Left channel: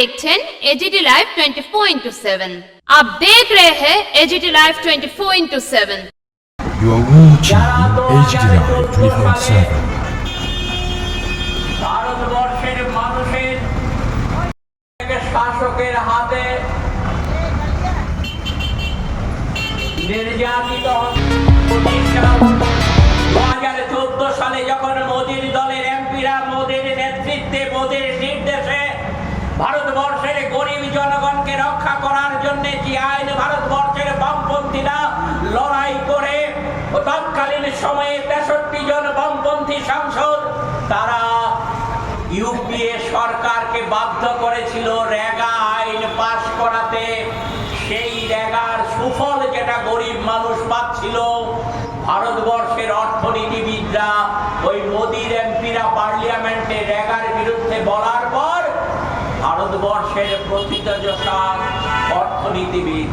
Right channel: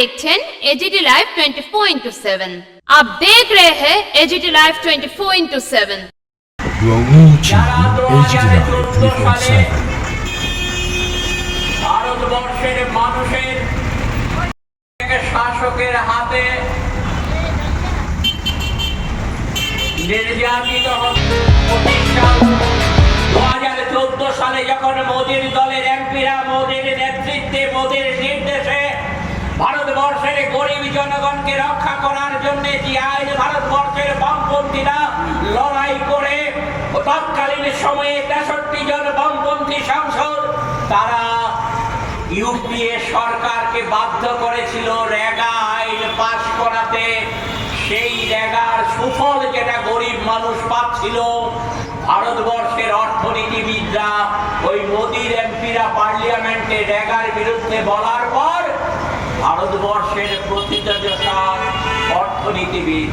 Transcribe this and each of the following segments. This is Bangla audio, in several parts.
देखছেন एजीटी लाइव 24/7। आप देख रहे हैं AGT live 24/7। You are watching AGT Live 24/7. ভারতবর্ষের মানুষের শাসকের হাতে নির্যাতিত 2014 সালে যখন মোদীর দলের এমপিরা মোদীর নেতৃত্বে মোদীর নির্দেশে ভারতবর্ষের গরিব জনগণকে রক্ষা করার জন্য যে আইন ভারতবর্ষের বামপন্থীরা লড়াই করে তৎকালীন সময়ে 63 জন বামপন্থী সাংসদ তারা ইউপিএ সরকারকে বাধ্য করেছিল রেগা আইন পাশ করাতে। সেই রেগার সুফল যেটা গরিব মানুষ পাচ্ছিল, ভারতবর্ষের অর্থনীতিবিদরা ওই মোদীর এমপিরা পার্লামেন্টে রেগার বিরুদ্ধে বলার পর ভারতবর্ষের প্রথিতযশা অর্থনীতিবিদ,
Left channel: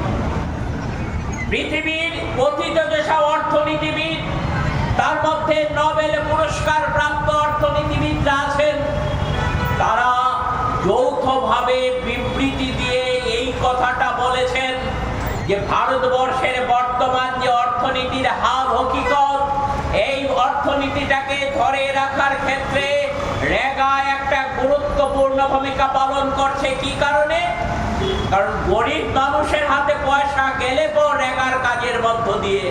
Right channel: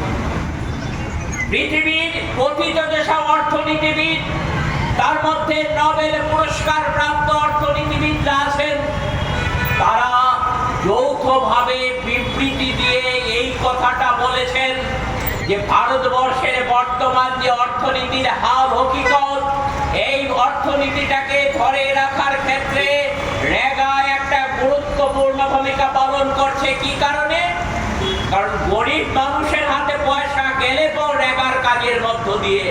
পৃথিবীর প্রথিতযশা অর্থনীতিবিদ, তার মধ্যে নোবেল পুরস্কার প্রাপ্ত অর্থনীতিবিদরা আছেন, তারা যৌথভাবে বিবৃতি দিয়ে এই কথাটা বলেছেন যে ভারতবর্ষের বর্তমান যে অর্থনীতির হাল হকিকত, এই অর্থনীতিটাকে ধরে রাখার ক্ষেত্রে রেগা একটা গুরুত্বপূর্ণ ভূমিকা পালন করছে। কি কারণে? কারণ গরিব মানুষের হাতে পয়সা গেলে পর রেগার কাজের মধ্য দিয়ে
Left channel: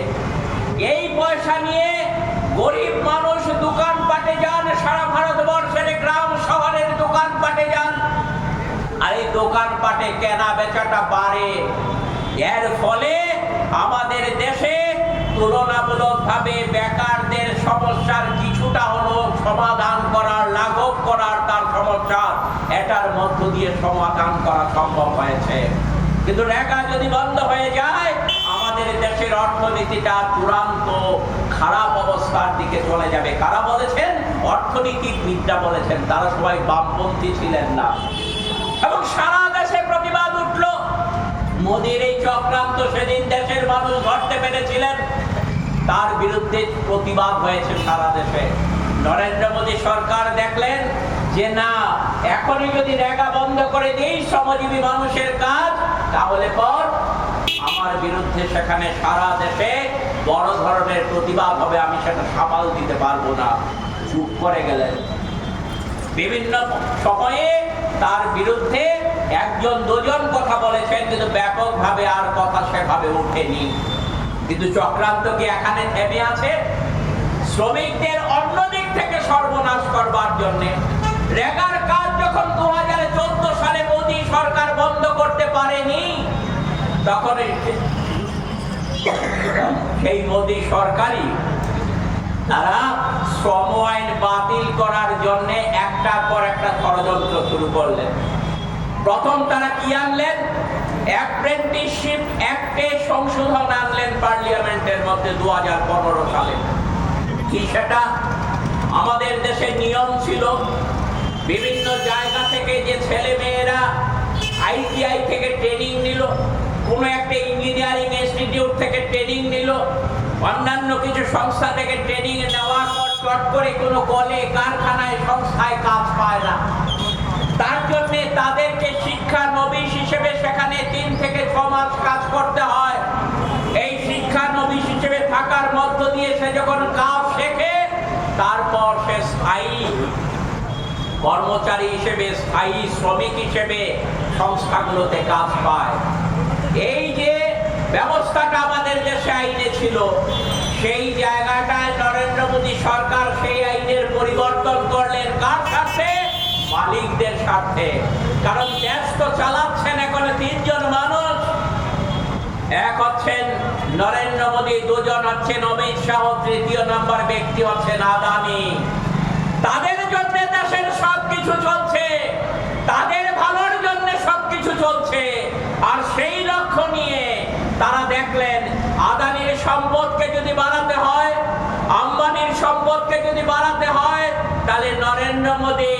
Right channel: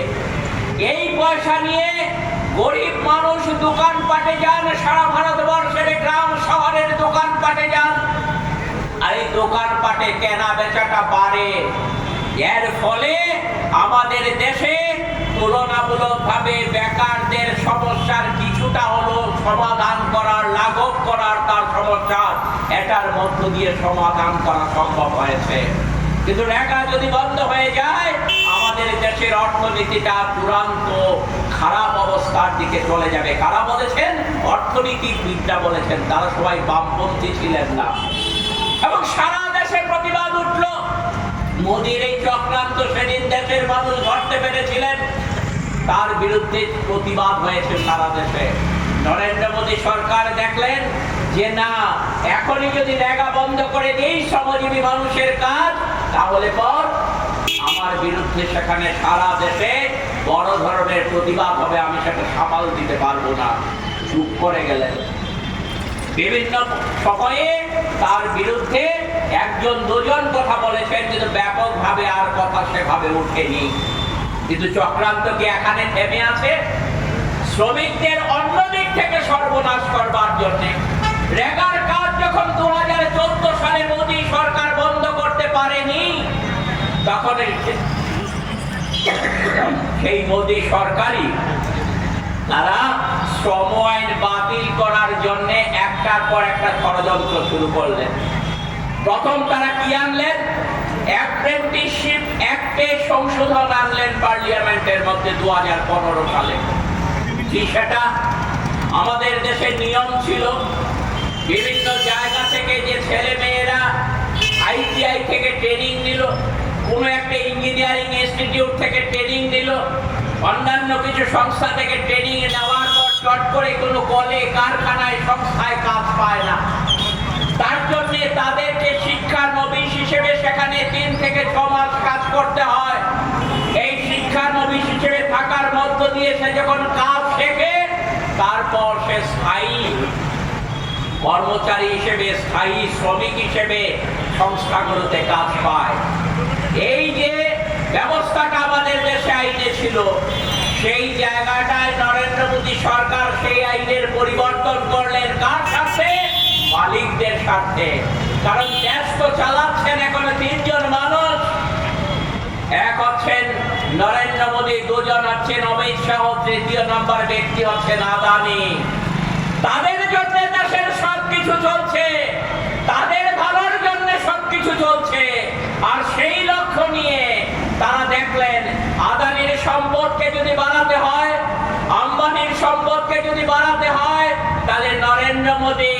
এই পয়সা নিয়ে গরিব মানুষ দোকানপাটে যান, সারা ভারতবর্ষের গ্রাম শহরের দোকানপাটে যান, আর এই দোকানপাটে কেনা বেচাটা বাড়ে। এর ফলে আমাদের দেশে তুলনামূলকভাবে বেকারদের সমস্যার কিছুটা হলো সমাধান করার, লাঘব করার তার সমস্যা এটার মধ্য দিয়ে সমাধান করা সম্ভব হয়েছে। কিন্তু রেগা যদি বন্ধ হয়ে যায় আমাদের দেশের অর্থনীতিটা চূড়ান্ত খারাপ অবস্থার দিকে চলে যাবে। কারা বলেছেন? অর্থনীতিবিদরা বলেছেন, তারা সবাই বামপন্থী ছিলেন না। এবং সারা দেশে প্রতিবাদ উঠল। মোদীর এই চক্রান্ত সেদিন দেশের মানুষ ধরতে পেরেছিলেন, তার বিরুদ্ধে প্রতিবাদ হয়েছে সারা দেশে। নরেন্দ্র মোদী সরকার দেখলেন যে না, এখনই যদি রেগা বন্ধ করে দিই শ্রমজীবী মানুষের কাজ, তাহলে পর আমার বিরুদ্ধে সেখানে সারা দেশে বড় ধরনের প্রতিবাদ হবে, আমি সেটা সামাল দিতে পারবো না। চুপ করে গেলেন। বিভিন্ন সময়ে তার বিরুদ্ধে একজন দুজন কথা বলেছেন, কিন্তু ব্যাপকভাবে আর কথা সেভাবে ওঠেনি। কিন্তু চক্রান্ত কি এখানে থেমে আছে? শ্রমিকদের অন্য দিক থেকে সর্বনাশ করবার জন্য রেগার কাজ যখন 2014 সালে মোদী সরকার বন্ধ করতে পারেনি, তখন সেই মোদী সরকারই তারা শ্রম আইন বাতিল করার জন্য একটার পর একটা ষড়যন্ত্র শুরু করলেন। প্রথম তারা কি আনলেন? অ্যাপ্রেন্টিসশিপ অ্যাক্টে সংশোধন আনলেন পার্লামেন্টের মধ্যে 2015 সালে। সেটা আমাদের দেশের নিয়ম ছিল, বিভিন্ন জায়গা থেকে যে ছেলে মেয়েরা আইটিআই থেকে ট্রেনিং নিল, কোনো একটা ইঞ্জিনিয়ারিং ইনস্টিটিউট থেকে ট্রেনিং নিল, অন্যান্য কিছু সংস্থা থেকে ট্রেনিং নেওয়ার পর চট করে কোনো কলে কারখানায় সংস্থায় কাজ পায় না, তার জন্য তাদেরকে শিক্ষার নবিশ হিসেবে সেখানে 3 থেকে 6 মাস কাজ করতে হয়। এই শিক্ষার নবিশ হিসেবে থাকার মধ্য দিয়ে সে যখন কাজ শেখে, তারপর সে স্থায়ী কর্মচারী হিসেবে, স্থায়ী শ্রমিক হিসেবে সংস্থাগুলোতে কাজ পায়। এই যে ব্যবস্থাটা আমাদের দেশে আইনে ছিল, সেই জায়গাটায় নরেন্দ্র মোদী সরকার সেই আইনের পরিবর্তন করলেন। কার স্বার্থে? মালিকদের স্বার্থে। কারণ দেশ তো চালাচ্ছেন এখন 3 জন মানুষ। এক হচ্ছেন নরেন্দ্র মোদী, দুজন হচ্ছেন অমিত শাহ, তৃতীয় নম্বর ব্যক্তি হচ্ছেন আদানি। তাদের জন্য দেশের সবকিছু চলছে, তাদের ভালোর জন্য সবকিছু চলছে। আর সেই লক্ষ্য নিয়ে তারা দেখলেন আদানির সম্পদকে যদি বাড়াতে হয়, আম্বানির সম্পদকে যদি বাড়াতে হয়, তাহলে নরেন্দ্র মোদী,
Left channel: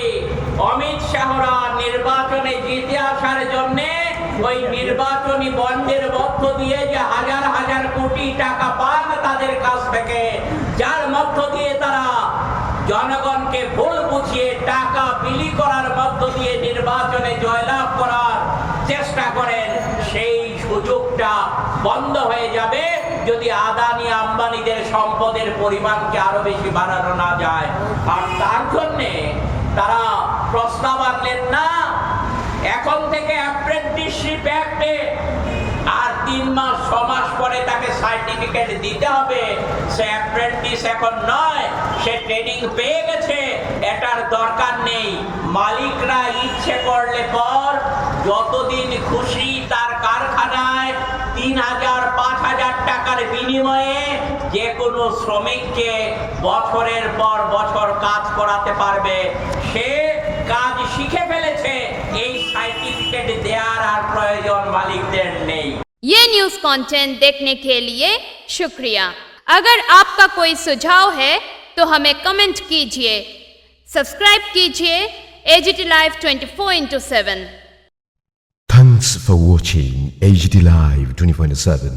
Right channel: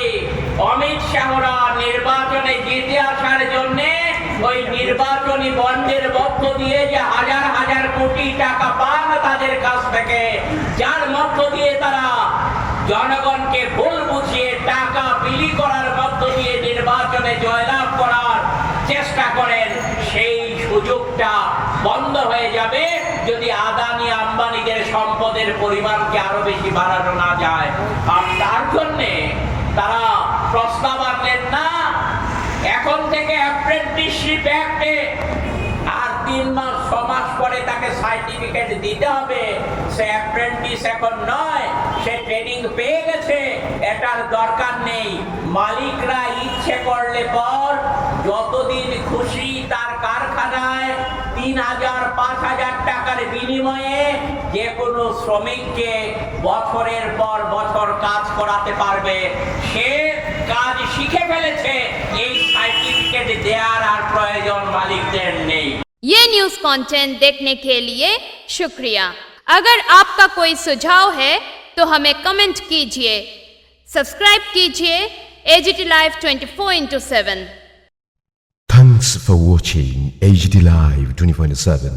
অমিত শাহরা নির্বাচনে জিতে আসার জন্য ওই নির্বাচনী বন্ডের মধ্য দিয়ে যে হাজার হাজার কোটি টাকা পান তাদের কাছ থেকে, যার মধ্য দিয়ে তারা জনগণকে ভুল বুঝিয়ে টাকা বিলি করার মধ্য দিয়ে নির্বাচনে জয়লাভ করার চেষ্টা করেন, সেই সুযোগটা বন্ধ হয়ে যাবে যদি আদানি আম্বানিদের সম্পদের পরিমাণকে আরো বেশি বাড়ানো না যায়। আর তার জন্যে তারা প্রস্তাব আনলেন না এখন থেকে অ্যাপ্রেন্টিসশিপ অ্যাক্টে আর 3 মাস 6 মাস পরে তাকে সার্টিফিকেট দিতে হবে। সে অ্যাপ্রেন্টিস এখন নয়, সে ট্রেনিং পেয়ে গেছে, এটার দরকার নেই। মালিকরা ইচ্ছে করলে পর যতদিন খুশি তার কারখানায় 3000 5000 টাকার বিনিময়ে যে কোনো শ্রমিককে বছরের পর বছর কাজ করাতে পারবে। সে কাজ শিখে ফেলেছে, এই সার্টিফিকেট দেওয়ার আর প্রয়োজন মালিকদের নেই। ये न्यूज कंटेंट देखने के लिए शुक्रिया। अगर आपका कोई सुझाव है तो हमें कमेंट कीजिए, सब्सक्राइब कीजिए AGT Live 24/7। Thanks for watching AGT Live 24/7.